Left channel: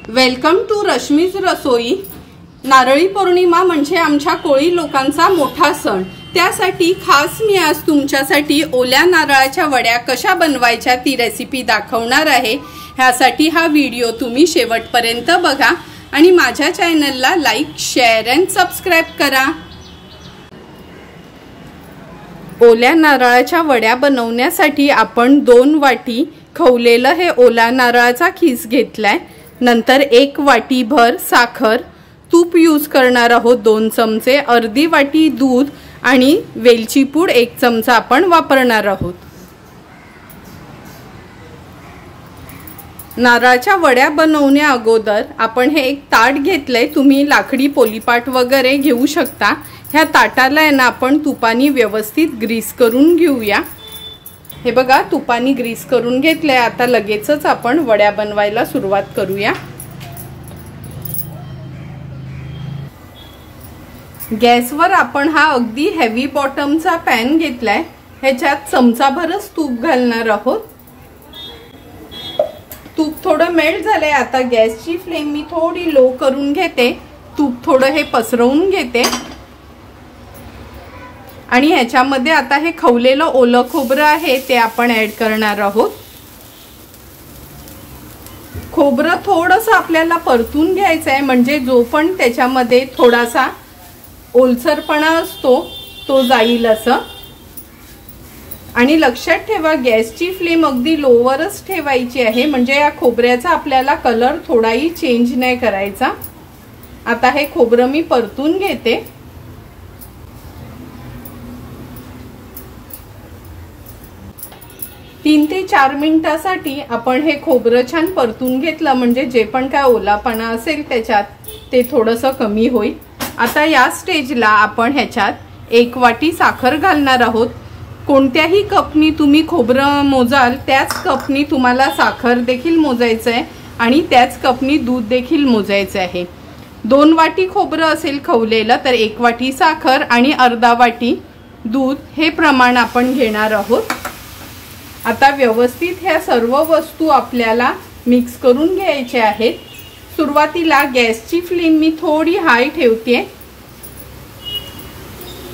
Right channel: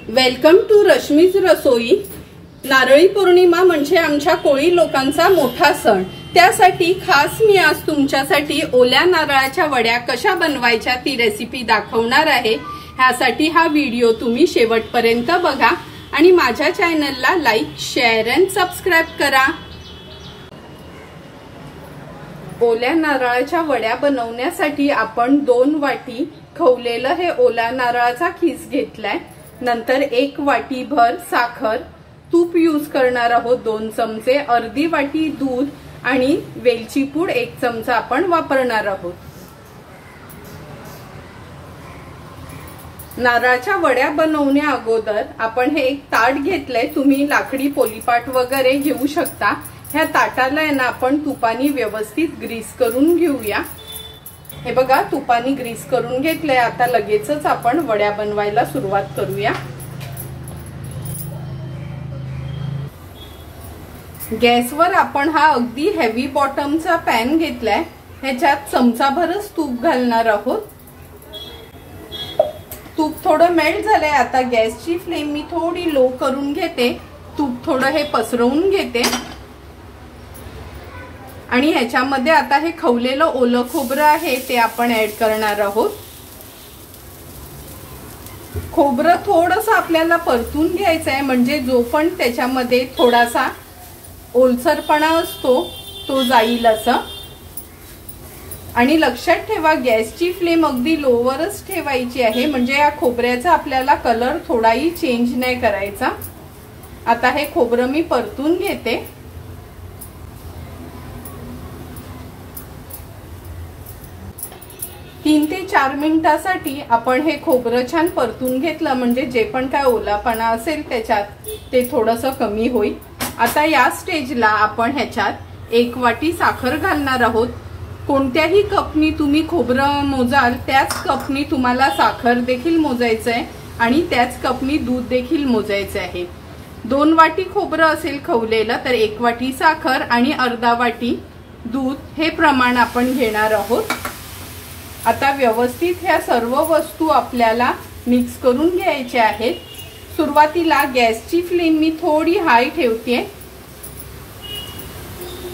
Welcome to Rashmi's रसोई। नारळी पौर्णिमा म्हणजे आमच्या कोळी लोकांचा मोठा सण। त्यासाठी खास मी आज तुमच्यासाठी ओल्या नारळाच्या वड्या कशा बनवायच्या ती रेसिपी दाखवणार आहे। ह्यासाठी हा व्हिडिओ तुम्ही शेवटपर्यंत बघा आणि माझ्या चॅनलला लाईक, शेअर अँड सबस्क्राइब करा। ओल्या नारळाच्या वड्या बनवण्यासाठी आपण 2 वाटी खवलेलं हे ओला नारळाचा खीस घेतलाय। नंतर 1 वाटी भर साखर, तूप यूज करणार आहोत 2 चमचे, अर्धी वाटी दूध आणि वेलची पूड 1 चमचा आपण वापरणार आहोत। नारळाच्या वड्या बनवण्या अगोदर आपण हे एक ताट घेतलंय। तुम्ही लाकडी पोलीपाट वगैरे घेऊ शकता। ह्या ताटाला आहे ना आपण तुपानी व्यवस्थित ग्रीस करून घेऊया। हे बघा तुपानी ग्रीस करून घेतले। आता लगेचच आपण वड्या बनवायला सुरुवात करूया। गॅसवर आपण हा अगदी हेवी बॉटमचा पॅन घेतलाय। ह्याच्यात चमचाभरच तूप घालणार आहोत। तूप थोडं मेल्ट झालंय। आता गॅसची फ्लेम मी थोडी लो करून घेते। तूप थोडं हे पसरवून घेते आणि ह्याच्यामध्ये आता हे खवलेलं ओलं खोबरं आहे ते आपण ऍड करणार आहोत। खोबरं थोडंसं आपल्याला परतून घ्यायचं आहे, म्हणजे जो पण त्याच्यामध्ये थोडासा ओलसरपणा असतो तो जाईल असं। आणि लक्षात ठेवा गॅसची फ्लेम अगदी लोवरच ठेवायची आहे, म्हणजे या खोबऱ्याचा आपल्याला कलर थोडाही चेंज नाही करायचा। आता हे खोबरं मी परतून घेते। तीन ते 4 मिनिटांसाठी आपण हे खोबरं छान परतून घेतलं, म्हणजे जे पण काय ओलापणा असेल त्याच्यात ते थोडंसं कमी होईल। आता या स्टेजला आपण ह्याच्यात 1 वाटी साखर घालणार आहोत। कोणत्याही कपनी तुम्ही खोबरं मोजाल त्याच कपनी तुम्हाला साखर देखील मोजायचं आहे आणि त्याच कपनी दूध देखील मोजायचं आहे। 2 वाटी खोबरं असेल खवलेलं तर 1 वाटी साखर आणि अर्धा वाटी दूध हे प्रमाण आपण घेणार आहोत। आता व्यवस्थित ह्या सर्व वस्तू आपल्याला मिक्स करून घ्यायचे आहेत। सुरुवातीला गॅसची फ्लेम मी थोडी हाय ठेवते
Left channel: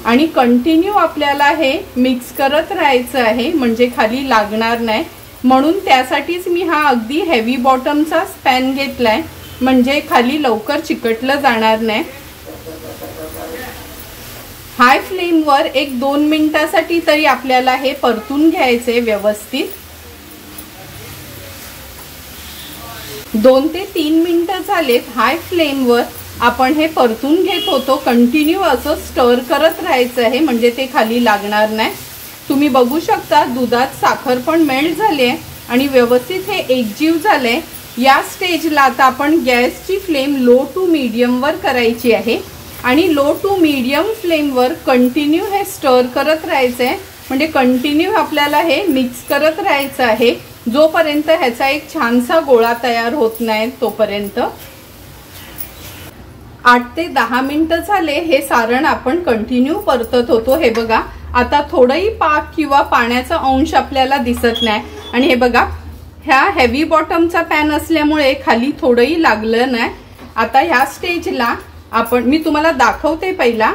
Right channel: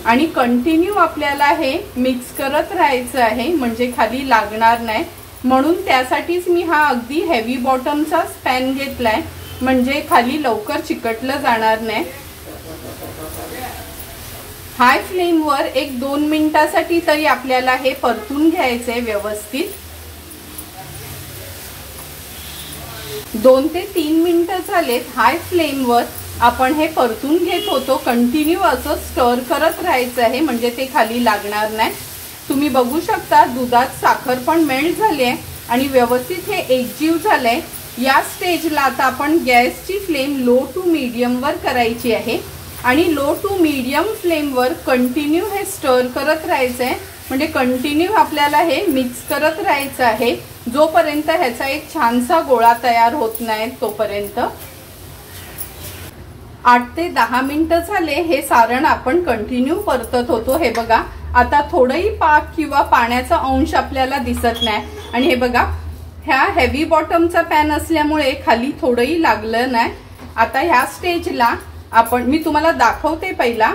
आणि कंटिन्यू आपल्याला हे मिक्स करत राहायचं आहे, म्हणजे खाली लागणार नाही। म्हणून त्यासाठीच मी हा अगदी हेवी बॉटमचा पॅन घेतलाय, म्हणजे खाली लवकर चिकटलं जाणार नाही। हाय फ्लेम वर 1-2 मिनिटांसाठी तरी आपल्याला हे परतून घ्यायचे व्यवस्थित। 2 ते 3 मिनिटं झालेत। हाय फ्लेम वर आपण हे परतून घेत होतो। कंटिन्यू असं स्टर करत राहायचं आहे, म्हणजे ते खाली लागणार नाही। तुम्ही बघू शकता दुधात साखर पण मेल्ट झाली आहे आणि व्यवस्थित हे एकजीव झालंय। या स्टेजला आता आपण गॅसची फ्लेम लो टू मीडियम वर करायची आहे आणि लो टू मीडियम फ्लेम वर कंटिन्यू हे स्टर करत राहायचंय, म्हणजे कंटिन्यू आपल्याला हे मिक्स करत राहायचं आहे जोपर्यंत ह्याचा एक छानसा गोळा तयार होत नाही तोपर्यंत। 8 ते 10 मिनिटं झाले। हे सारण आपण कंटिन्यू परतत होतो। हे बघा आता थोडंही पाक किंवा पाण्याचा अंश आपल्याला दिसत नाही आणि हे बघा ह्या हेवी बॉटमचा पॅन असल्यामुळे खाली थोडंही लागलं नाही। आता ह्या स्टेजला मी तुम्हाला दाखवते। पहिला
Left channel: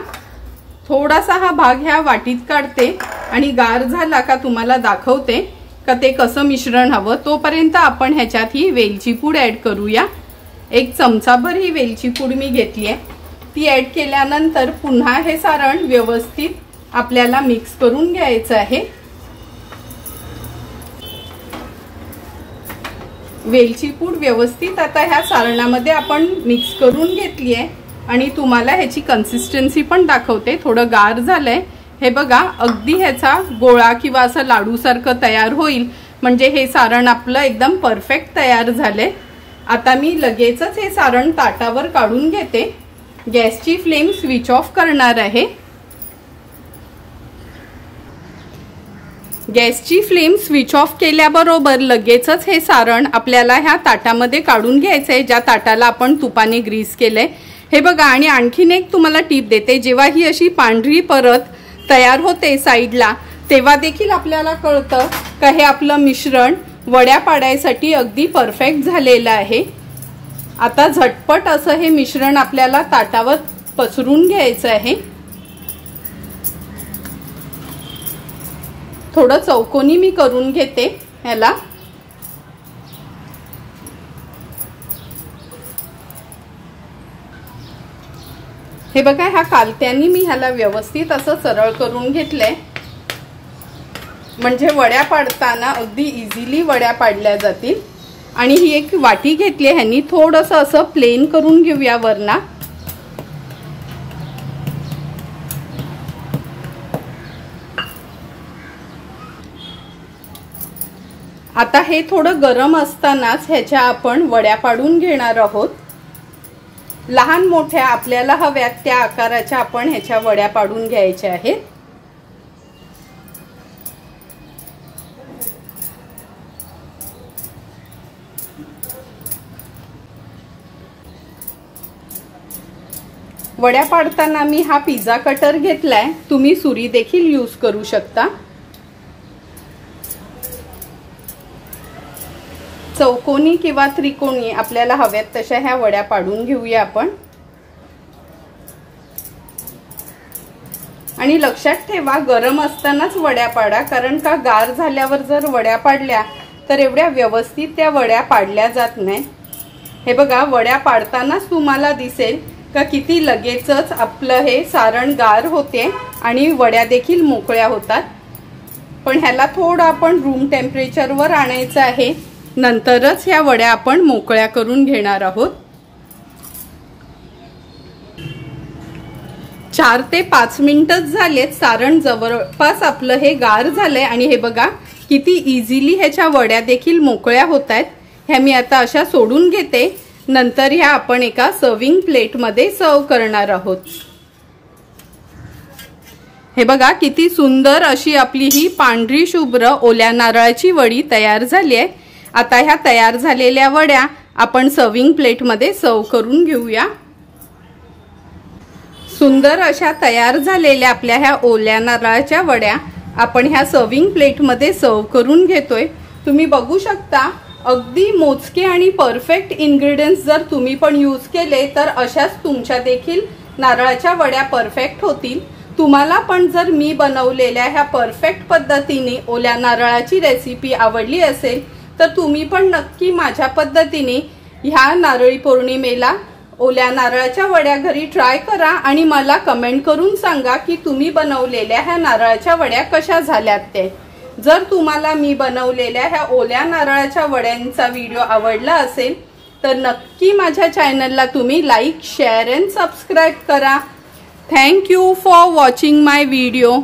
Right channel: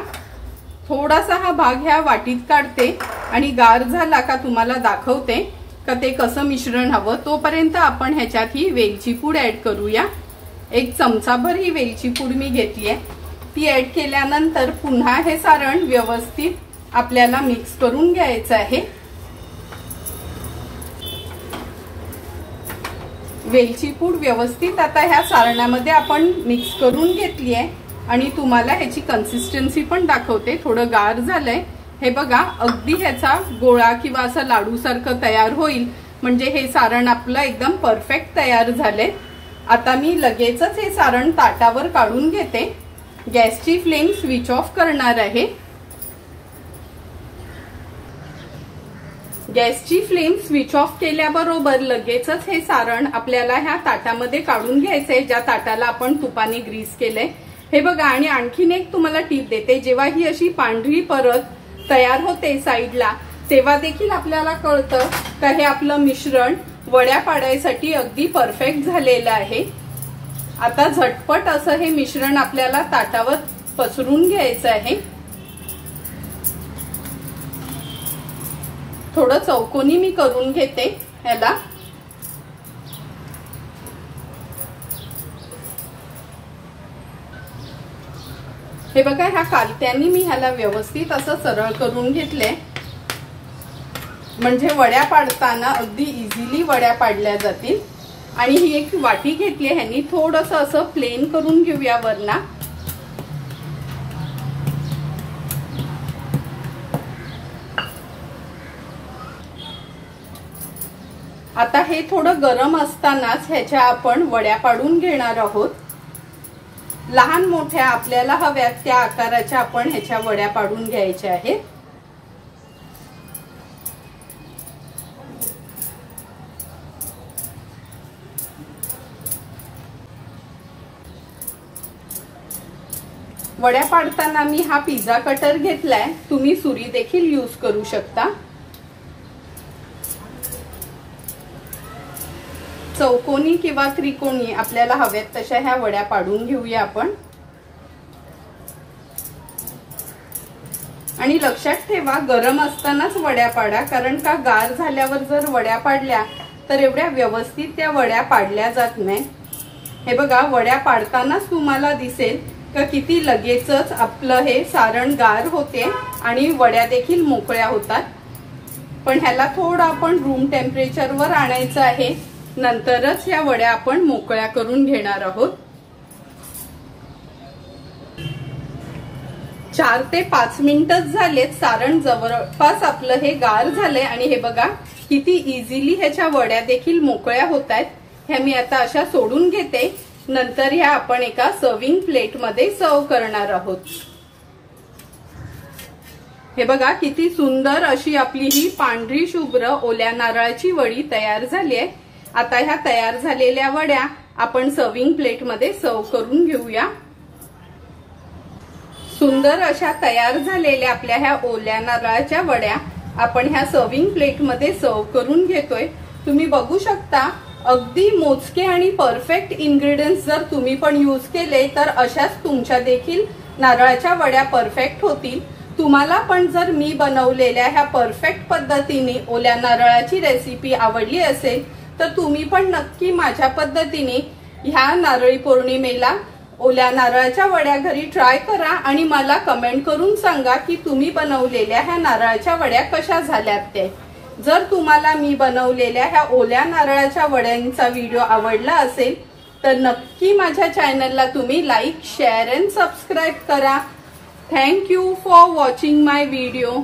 थोडासा हा भाग ह्या वाटीत काढते आणि गार झाला का तुम्हाला दाखवते का ते कसं मिश्रण हवं। तोपर्यंत आपण ह्याच्यात ही वेलची पूड ऍड करूया। 1 चमचाभर ही वेलची पूड मी घेतली आहे। ती ऍड केल्यानंतर पुन्हा हे सारण व्यवस्थित आपल्याला मिक्स करून घ्यायचं आहे। वेलची पूड व्यवस्थित आता ह्या सारणामध्ये आपण मिक्स करून घेतली आहे आणि तुम्हाला ह्याची कन्सिस्टन्सी पण दाखवते। थोडं गार झालंय। हे बघा अगदी ह्याचा गोळा किंवा असं लाडू सारखं तयार होईल, म्हणजे हे सारण आपलं एकदम परफेक्ट तयार झालंय। आता मी लगेचच हे सारण ताटावर काढून घेते। गॅसची फ्लेम स्विच ऑफ करणार आहे। गॅसची फ्लेम स्विच ऑफ केल्याबरोबर लगेचच हे सारण आपल्याला ह्या ताटामध्ये काढून घ्यायचंय, ज्या ताटाला आपण तुपाने ग्रीस केलंय। हे बघा आणि आणखीन एक तुम्हाला टिप देते। जेव्हा ही अशी पांढरी परत तयार होते साईडला, तेव्हा देखील आपल्याला कळतं का हे आपलं मिश्रण वड्या पाडायसाठी अगदी परफेक्ट झालेलं आहे। आता झटपट असं हे मिश्रण आपल्याला ताटावर पसरून घ्यायचं आहे। थोडं चौकोनी मी करून घेते ह्याला। हे बघा, ह्या कालत्यांनी मी ह्याला व्यवस्थित असं सरळ करून घेतलंय, म्हणजे वड्या पाडताना अगदी इझिली वड्या पाडल्या जातील। आणि ही एक वाटी घेतली, ह्यांनी थोडंसं असं प्लेन करून घेऊया वरना। आता हे थोडं गरम असतानाच ह्याच्या आपण वड्या पाडून घेणार आहोत। लहान मोठ्या आपल्याला हव्यात त्या आकाराच्या आपण ह्याच्या वड्या पाडून घ्यायच्या आहेत। वड्या पाडताना मी हा पिझ्झा कटर घेतलाय, तुम्ही सुरी देखील यूज करू शकता। चौकोनी किंवा त्रिकोणी आपल्याला हव्यात तशा ह्या वड्या पाडून घेऊया आपण। आणि लक्षात ठेवा, गरम असतानाच वड्या पाडा, कारण का गार झाल्यावर जर वड्या पाडल्या तर एवढ्या व्यवस्थित त्या वड्या पाडल्या जात नाही। हे बघा, वड्या पाडतानाच तुम्हाला दिसेल का किती लगेचच आपलं हे सारण गार होते आणि वड्या देखील मोकळ्या होतात। पण ह्याला थोडं आपण रूम टेम्परेचरवर आणायचं आहे, नंतरच ह्या वड्या आपण मोकळ्या करून घेणार आहोत। 4 ते 5 मिनिटच झालेत, सारण जवळपास आपलं हे गार झालंय। आणि हे बघा किती इझिली ह्याच्या वड्या देखील मोकळ्या होत आहेत। ह्या मी आता अशा सोडून घेते, नंतर ह्या आपण एका सर्विंग प्लेट मध्ये सर्व करणार आहोत। हे बघा किती सुंदर अशी आपली ही पांढरी शुभ्र ओल्या नारळाची वडी तयार झाली आहे। आता ह्या तयार झालेल्या वड्या आपण सर्विंग प्लेट मध्ये सर्व करून घेऊया। सुंदर अशा तयार झालेल्या आपल्या ह्या ओल्या नारळाच्या वड्या आपण ह्या सर्विंग प्लेट मध्ये सर्व करून घेतोय। तुम्ही बघू शकता, अगदी मोजके आणि परफेक्ट इन्ग्रेडियंट्स जर तुम्ही पण यूज केले तर अशाच तुमच्या देखील नारळाच्या वड्या परफेक्ट होतील। तुम्हाला पण जर मी बनवलेल्या ह्या परफेक्ट पद्धतीने ओल्या नारळाची रेसिपी आवडली असेल तर तुम्ही पण नक्की माझ्या पद्धतीने ह्या नारळी पौर्णिमेला ओल्या नारळाच्या वड्या घरी ट्राय करा आणि मला कमेंट करून सांगा की तुम्ही बनवलेल्या ह्या नारळाच्या वड्या कशा झाल्यात ते। जर तुम्हाला मी बनवलेल्या ह्या ओल्या नारळाच्या वड्यांचा व्हिडिओ आवडला असेल तर नक्की माझ्या चॅनलला तुम्ही लाईक, शेअर अँड सबस्क्राईब करा। Thank you for watching my video.